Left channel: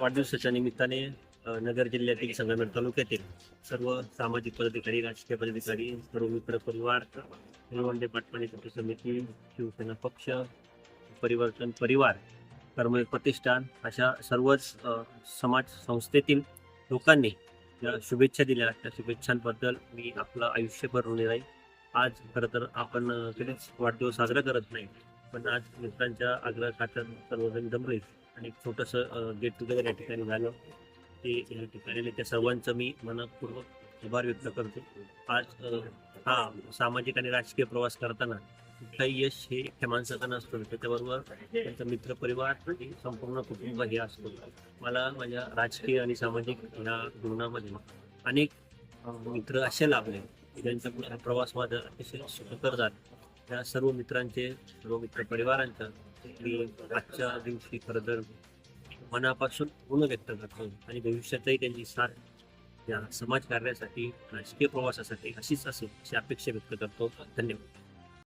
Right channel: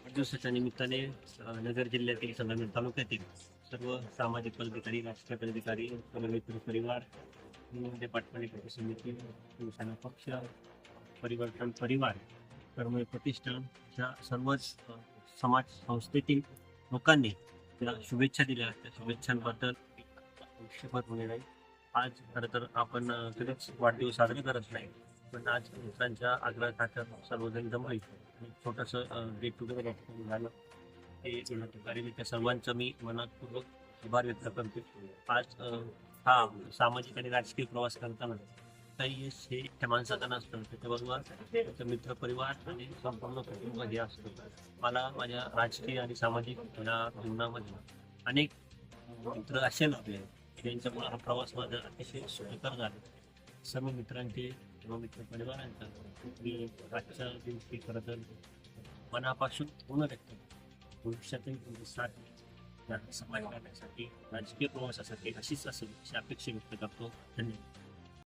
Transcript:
वाढदिवसाच्या निमित्ताने नगर जिल्ह्यातील संगमेर तालुक्यातील सर्व सामाजिक पदाधिकारी राजकीय पदाधिकारी सर्व मित्र परिवार निळवंडे पाटपाणी कृती समिती शिवसेना पक्ष परिवर्तन परिवार कर्मवीर प्रतिष्ठान अशा सर्वच समाज संस्थेतील लोकांनी ज्या शुभेच्छा दिल्या. त्या शुभेच्छांबद्दल मी आपलं आयुष्यभर ऋणी राहील. आज खरं तर आपण कधीच वाढदिवस साजरा करत नाही. पण आज मित्रांच्या खात्यात सर्वजण जमले आणि छोटंसं गेट टुगेदर या ठिकाणी झालं. ते या ठिकाणी त्या सर्वांचं मी मनपूर्वक आभार व्यक्त करतो. आज हा सामाजिक आणि राजकीय प्रवास करताना कुठलाही यश हे एकट्या माणसाचं नसतं. त्याच्याबरोबर त्यांचा मित्रपरिवार आणि संपूर्ण कुटुंब हे असतं. मला माझ्या राजकीय आणि सामाजिक या जीवनामध्ये अनेक मित्र असे लाभले. की ज्यांच्यामुळे हा प्रवास माझा अतिशय सुखकर झाला. त्या सर्व मित्रांचे सर्व मित्र परिवारांचं मी आजच्या दिवशी खरं तर मनापासून ऋण व्यक्त करतो आणि भविष्यातही त्यांची साथ या समाज कार्यासाठी राजकीय प्रवासासाठी अशीच असेल अशी अपेक्षा व्यक्त करतो. धन्यवाद.